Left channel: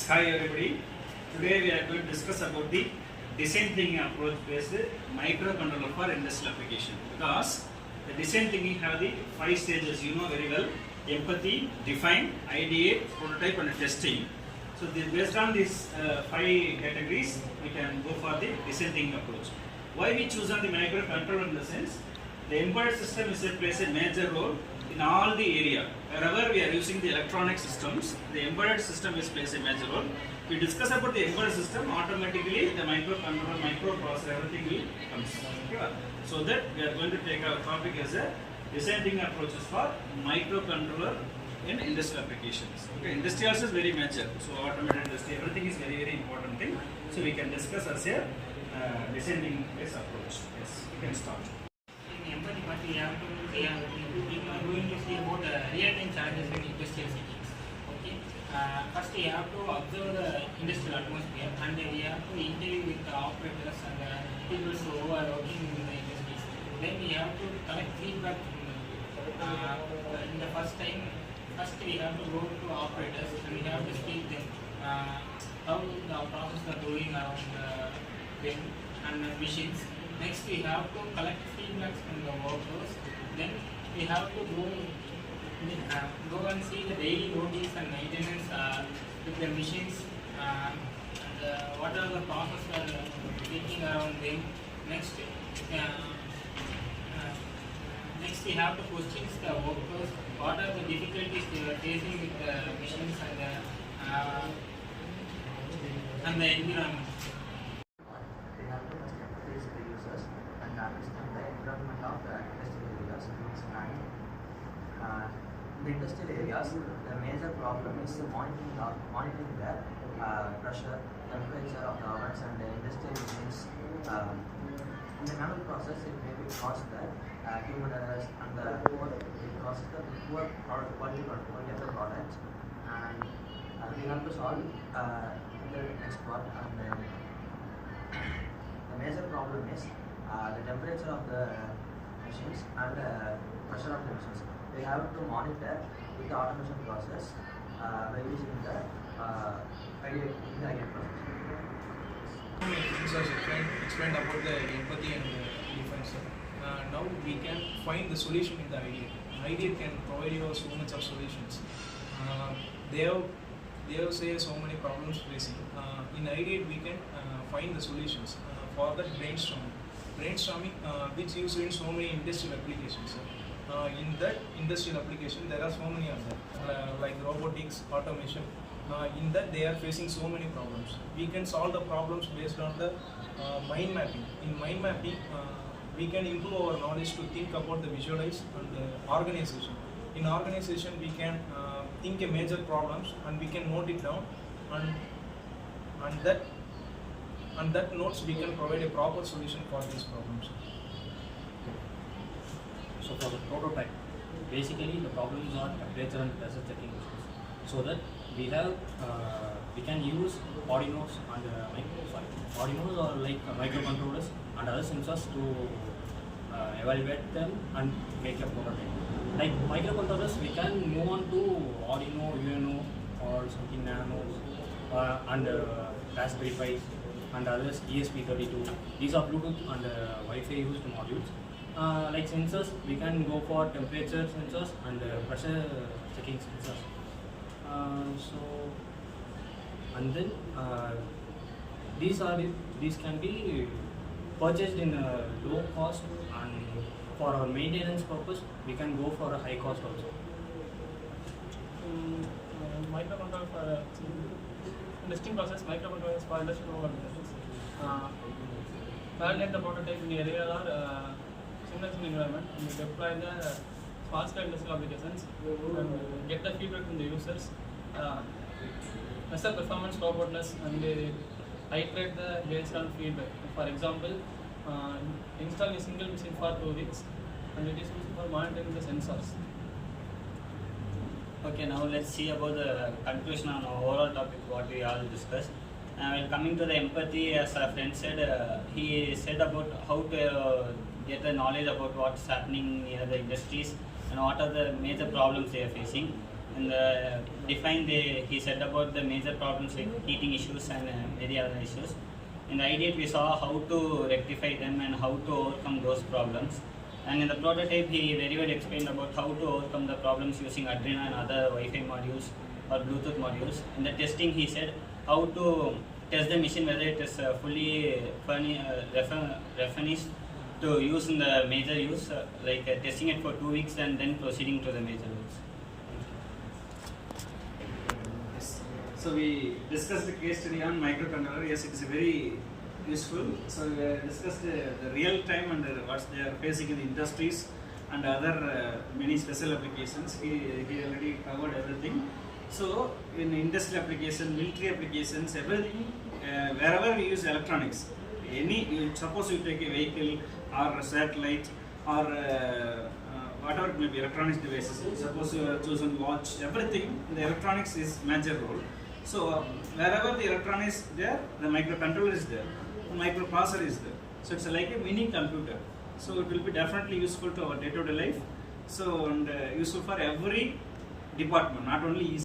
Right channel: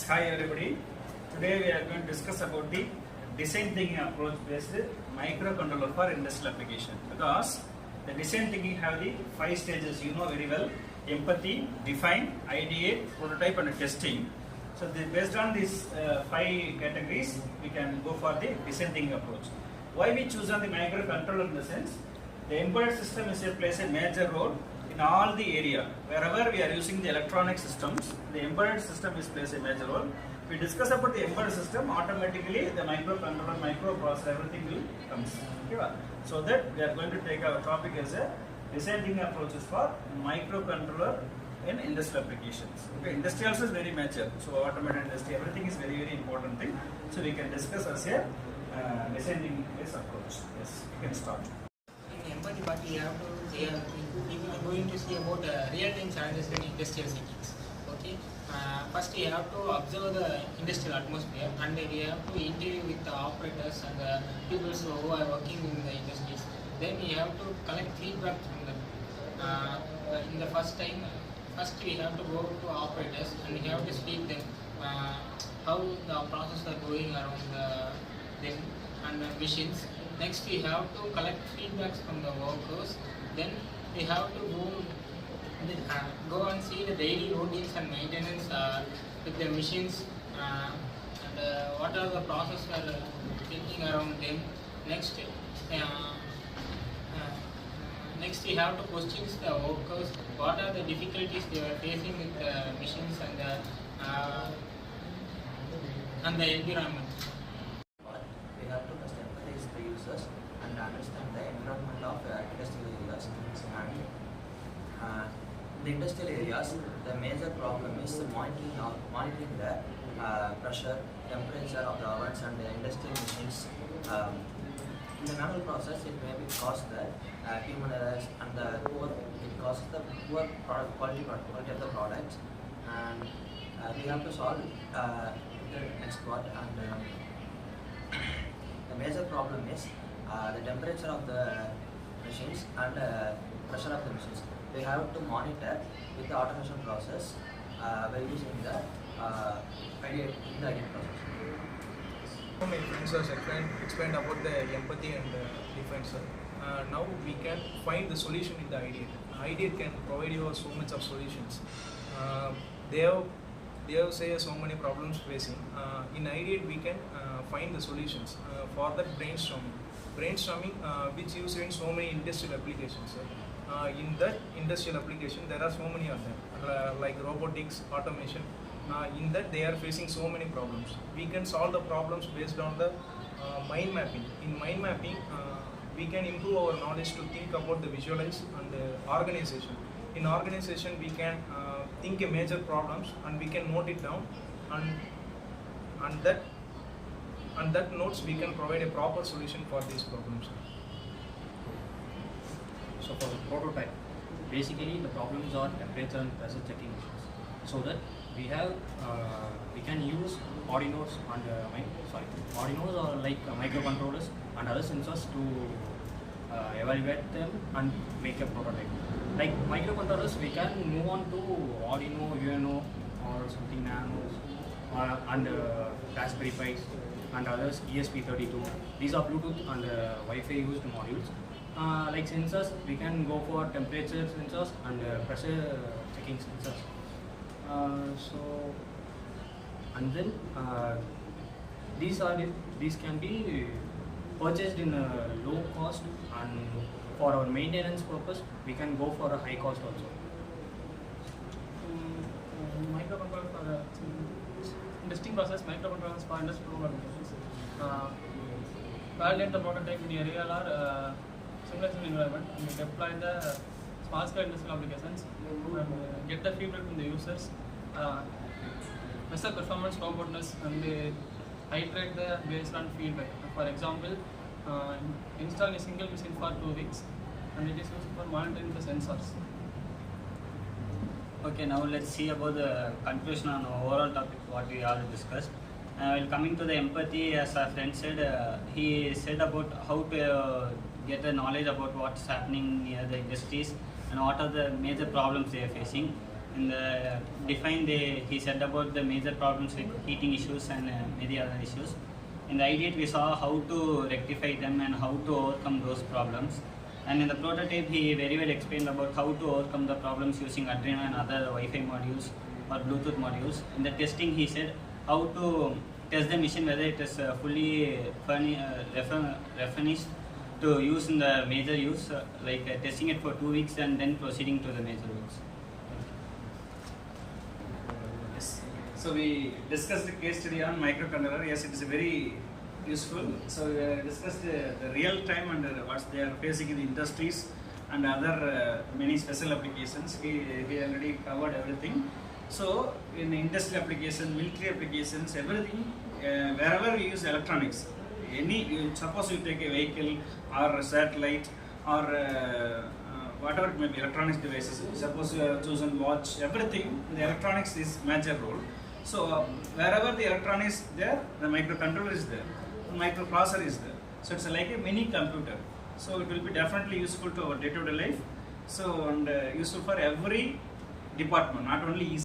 Yes, hi everybody. Today we are going to discuss about the design thinking approach based microcontroller for industrial application. Because the design thinking have the 5 stages, you know very well: empathy, define, ideate, prototype, and testing. So based on these 5 categories, we can go for the design thinking approach. Why we choose on the microcontroller in the sense the embedded system plays a major role in all the area. Wherever we are using the electronic systems, the embedded system plays a major role. We discuss about the embedded system, automatically the microcontroller, microprocessor, everything will comes. Okay? So that we are going to take our topic as a design thinking approaches for microcontroller in industrial applications. Okay, industry also is very major. So automated industry, everything is very important thing. So we can discuss as a design thinking based approach. Yes, we can start. In empathy part, we are going to see about real-time challenges in industrial settings. Okay. First, we have to observe the industrial atmosphere, and we have to interview with the operators and the people who are working in the industries. Then we have to collect feedback from them. In the first we have to go to operators and we have to speak them how the process are going around them and machines. Next, we have to collect feedbacks from the workers. Then we have to go and see the daily workings and maintenance with the machines and what are the processes are thinking around them. Next, we have to question the workers. What are the difficulties they are facing with the machines and the environment? We have to first empathize the users and understand the environment of industrial areas. And in the industrial areas, the major problem is monitoring the pressure, temperature of the ovens and the industrial machines. In the manual process, it may be cause the human errors and it causes the poor quality of the products. And we have to solve the next part. And the major problem is the temperature of the machines and pressure of the machines. We have to monitor with the automation process by using the Ideate process. So many things are explained about the empathy and define, sir. Now we can find the solution in the Ideate. Ideate can provide you so much of solutions. They have say so many problems facing. In Ideate we can find the solutions for that brainstorming which used in so many industrial applications, sir. In that industrial application there are so many of them like robotics, automation. In that they are facing so many problems. We can solve the problems based on the mind mapping. In mind mapping we can improve our knowledge to think about the visualize and the organization. In organization we can think a major problems and we can note it down and that notes we can provide a proper solution for these problems. So for the prototype, basically the problems are temperature and pressure checking, so that we can use Arduinos and Arduinos are like microcontrollers and other sensors to evaluate them and make a prototype. Like microcontrollers, we can move on to Arduino, UNO or something Nano and Raspberry Pi and others, ESP32. These are Bluetooth and Wi-Fi used modules. Like sensors, we can go for temperature sensors and pressure checking sensors. And then these can be purchased in a low cost, and for our maintenance purpose we can go for a high cost also. Microcontroller for testing process, microcontrollers for industrial applications. Validate the prototype in a real or simulation environment and deploy the small scale industrial applications and get the feedback from the users. Measure performance, robustness, and iterate the based on feedback. For example, install a single machine for 2 weeks, and it is used for monitoring the sensors. Okay, now let's see about the conclusion on overall topic what we all discussed. While coming to the empathy, as our friend said, he said about how to get the knowledge about what's happening near the industries and what are the major problems they are facing. and he said about the major problems like heating issues and many other issues. In the Ideate, we saw how to rectify them and how to overcome those problems. And in the prototype, he very well explained about how to overcome the problems using Arduino and other Wi-Fi modules or Bluetooth modules. In the testing, he said how to test the machine whether it is fully furnished to use in the major use, testing it for 2 weeks and then proceeding to the major works. Yes. So we discussed the case study on microcontroller. Yes, it is very useful. So we discussed the real time and what they are facing in the industries and other many special applications. He already covered everything. So in industrial application, military applications, everything, wherever we use electronics, suppose you take a vehicle or a satellite or whatever it may be, electronics devices. Suppose you have chosen watch, everything, the electronics is major role. So wherever the electronics is there, the microcontroller is there, the microprocessor is there. So it's like a mini computer. So it will be definitely useful to our day-to-day life. So and useful for every department, not only